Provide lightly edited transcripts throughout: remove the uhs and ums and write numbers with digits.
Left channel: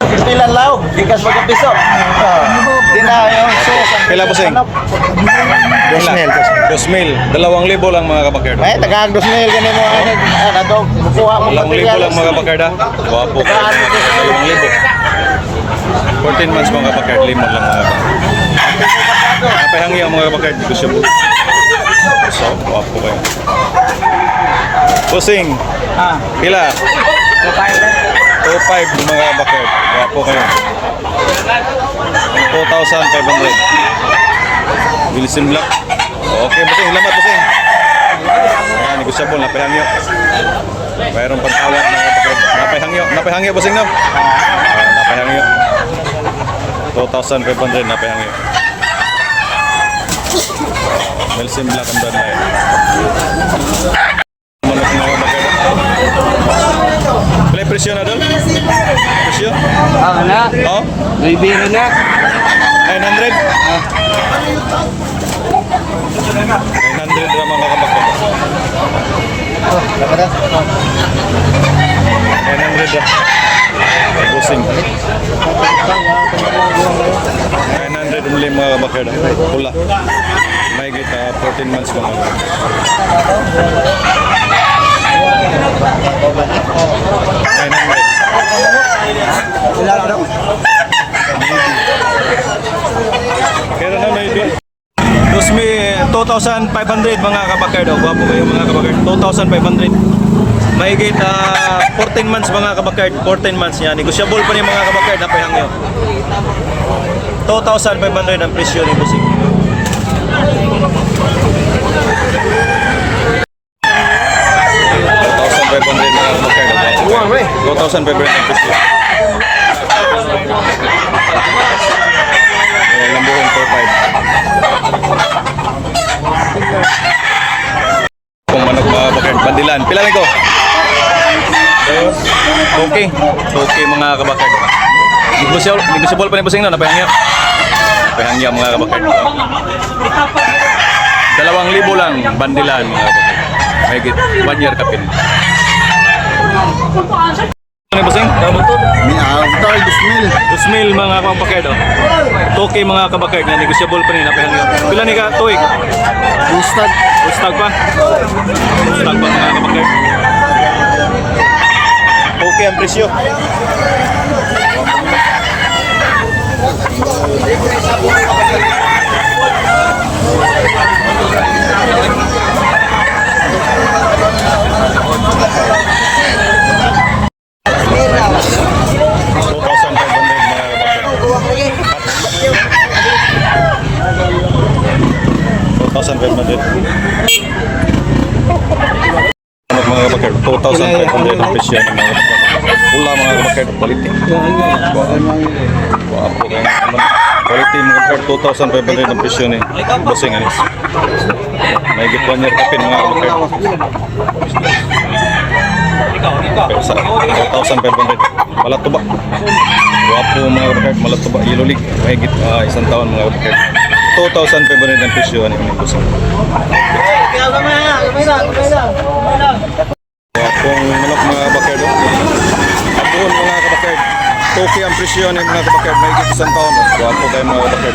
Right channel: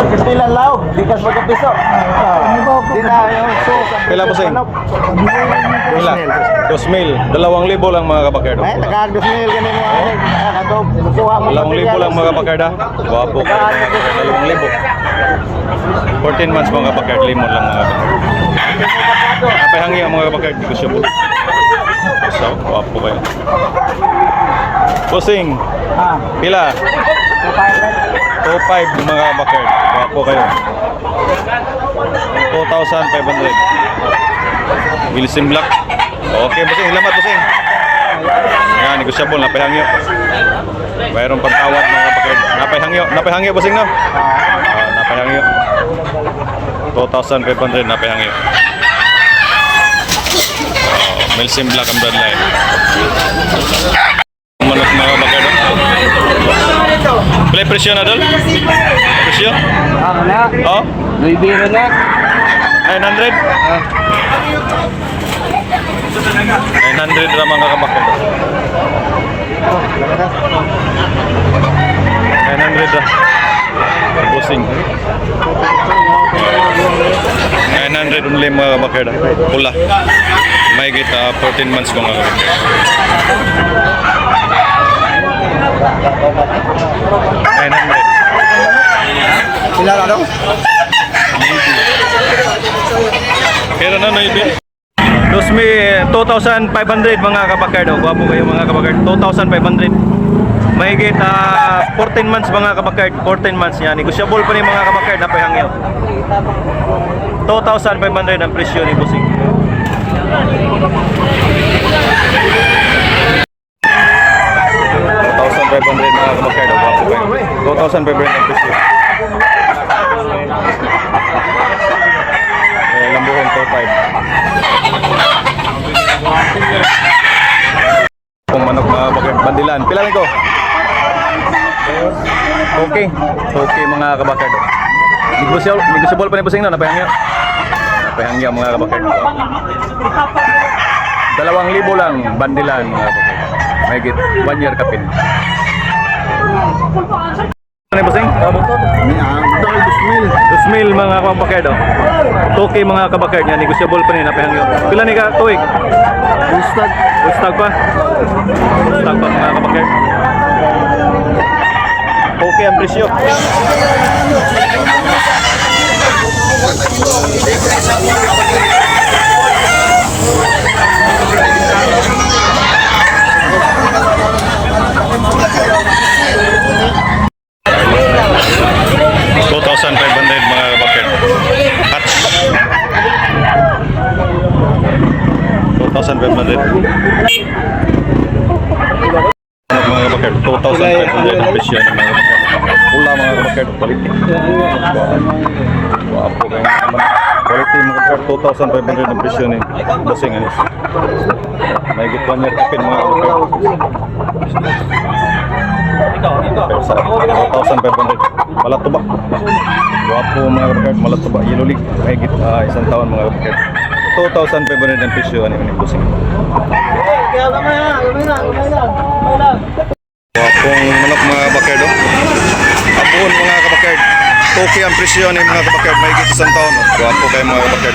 Pilan lao, gikas mga piso. Di na yung Pila po sing? Pila? 2,000. 2,000 lang mga kabakard. ay tagag 2,000 ganin mo. Ano to? Kuha mo. 2,000 lang mga kabakard. Wapo kayo mga kabakard. 2,000. 14 months mga kabakard. Limon lang mga kabakard. Napahangi ang mga kabakard. Gusto mo. So, wapo kayo. Pusing. Pila? 2,500 mga kabakard. Wapo kayo. 2,500. Wilson Black. Okay, busing. Salamat, busing. Yan, negosyable. Napahangyo. Mayroon pagtawad mga kabakard. Napahangyo. Napahangyo, busing, no? Napahangyo. 2,500 napahangyo. Wilson Black ang bloodline. Manok mga kabakard. Play presyo na, Dol? Presyo? Na. Oh? May biro na. 900? 900 lang mga kabakard. 900 lang. Busing. 900 only mga kabakard. Pula. May kita 14 months mga kabakard. 900. Ilan daw? Kaya na ibig. 2,500 mga kabakard. Gwapo kayo mga kabakard. 2,500. Mahigit 14 months mga kabakard. 14 months yan. Negosyable pa ni mga kabakard. Napahangyo. 2,500 ang presyo ni Busing. 2,500 mga kabakard. Gwapo kayo. 2,500 ang presyo. Lambuhon 4,500. Kung manok mga kabakard. Bandilan. Pila rin ko? Okay. Okay mga kabakard. Negosyable pa ni Busing na. Napahangyo. Napahangyo mga kabakard. 2,000 lang. Bandilan mga kabakard. Mahigit 1 year kapin. Ano ni Busing? 2,000 mga kabakard. Okay mga kabakard nga. Negosyable pa ni. Napahangyo. Pila ni ka? Tuig? Ustag pa? Ustag pa mga kabakard. Okay ang presyo. Ano mga kabakard? 2,500 ang presyo ng mga kabakard. Pula mga kabakard, quality. Wapo kayo naman. Quality mga kabakard, 2,500 ang presyo ni Busing anis. May gitwan niya kapin mga kabakard. Pero sa 2,500 malatuba. Wapo mga kabakard, malatuba. Yellow League, may isang taon mga kabakard. 2,500 ang presyo ni Busing. Wapong manok mga kabakard. Apon mga kabakard. Okay ang presyo ni mga kabakard. May higit isang taon. Wapo kayo mga kabakard.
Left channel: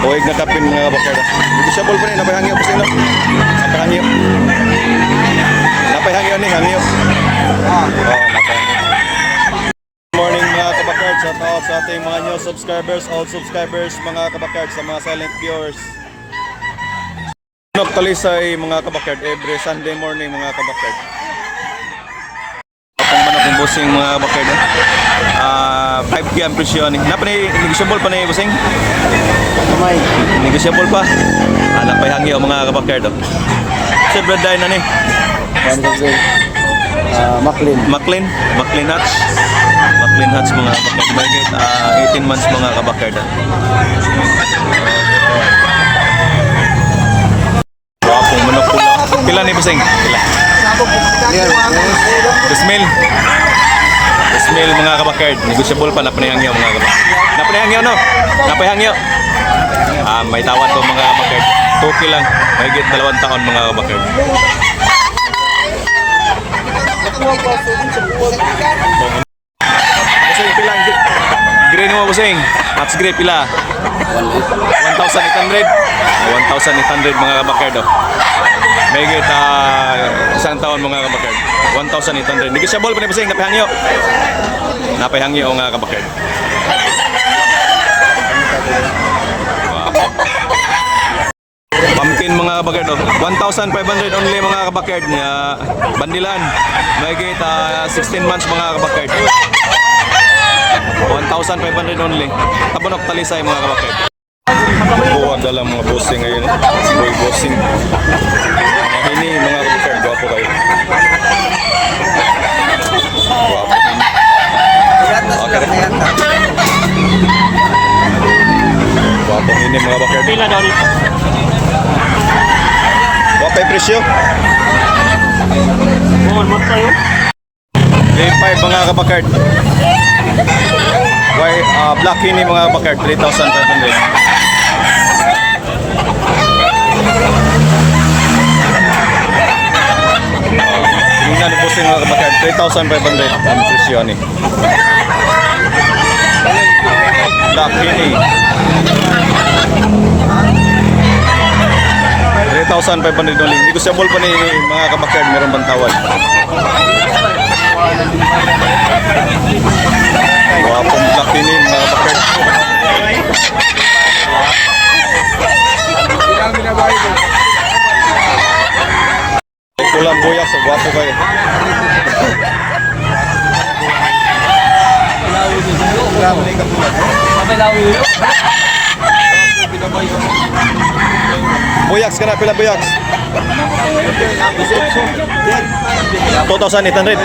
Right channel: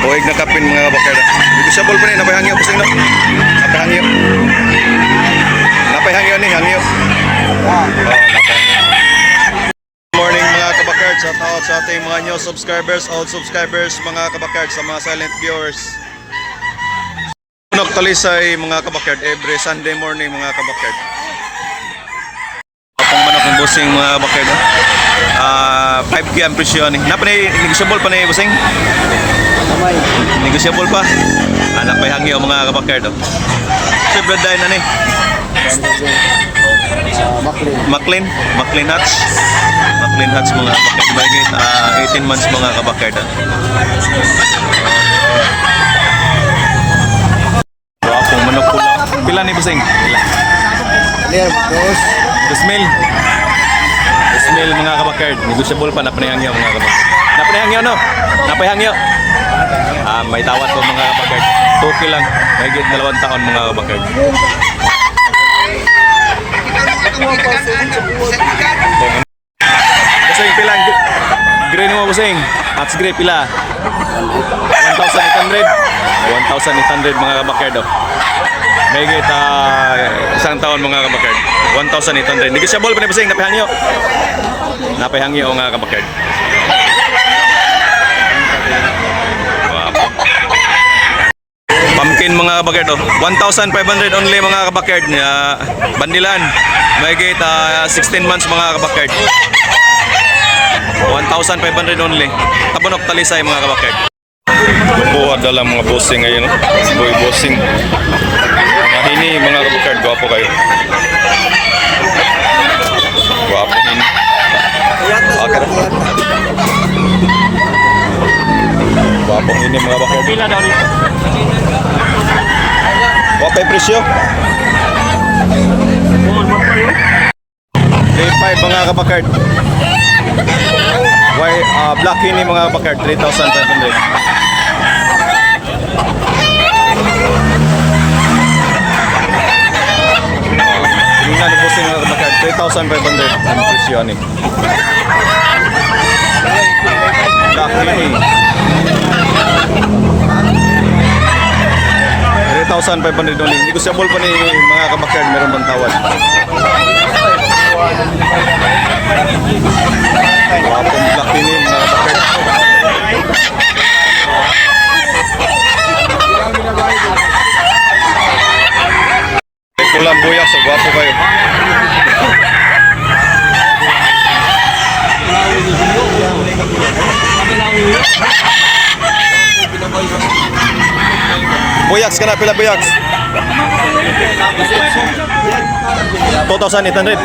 Huwag na kapin mga kabakard. Negosyable pa rin. Napahangyo po sino. Napahangyo. Napahangyo ni hangyo. Napahangyo. Morning mga kabakard, sa out sa ating mga new subscribers, old subscribers, mga kabakard, sa mga silent viewers. Talisay mga kabakard, every Sunday morning mga kabakard. Apong manok ng Busing mga kabakard. 5K ang presyo ni. Negosyable pa ni Busing? Negosyable pa? Anak pa hangi o mga kabakard. Sa blood na ni? Maclean Hatch. Maclean Hatch mga kabakard. Mahigit 18 months mga kabakard. Wapong manok pula. Pila ni Busing? Pila? 2,000 mga kabakard. Negosyable pa. Napanihangyo mga kabakard. Napanihangyo no? Napanihangyo. May tawad po mga kabakard. 2K lang. Mahigit 2 taon mga kabakard. Busing pila green mo busing. Match grade pila. 1,800. 1,800 mga kabakard. May kita isang taon mga kabakard. 1,800. Negotiable pa ni busing napihangyo. Napihangyo nga kabakard. Wapo. Pumpkin mga kabakard. 1,500 only mga kabakard. Bandilan. May kita 16 months mga kabakard. 1,500 only. Tabunok talisay mga kabakard. Buwa dala mga bossing ngayon. Boy bossing. Mga hini mga kabakard. Gwapo kayo. Gwapo hini. Okay rin. Gwapo hini mga kabakard. Gwapo yung presyo. Grade 5 mga kabakard. Black ini mga bakard 3,500. Tingnan ni bossing mga bakard 3,500 ang presyo ni. Black ini 3,500 only. Negotiable pa ni mga kabakard, meron bang tawad? Wapong black ini mga kabakard. Pulang buyak, so gwapo kayo. Buyaks ka na, pila buyaks? 2,800.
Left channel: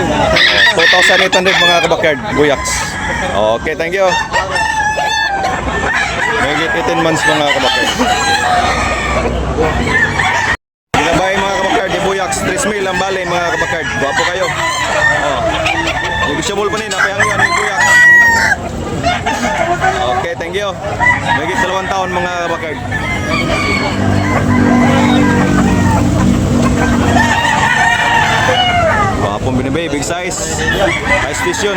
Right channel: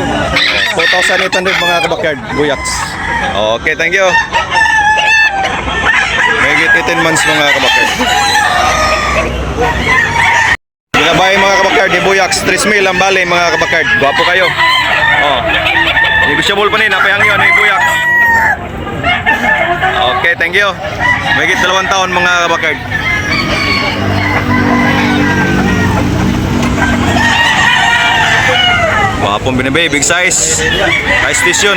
2,800 mga kabakard, buyaks. Okay, thank you. May 18 months mga kabakard. Binabay mga kabakard, di buyaks, 3,000 ang bali mga kabakard. Gwapo kayo. Oh. Negotiable pa rin, napayang yun, ni buyaks. Okay, thank you. May 2 taon mga kabakard. Wapong binibay, big size. High station.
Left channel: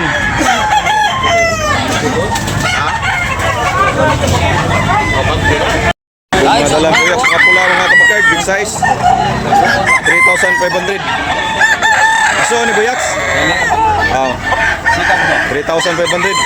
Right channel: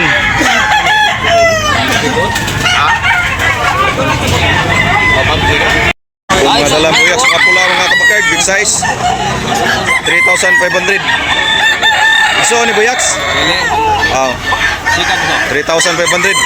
Kung mga dalang buyaks, mga pula mga kabakard, big size. 3,500. Gusto ni buyaks? Oh. 3,500.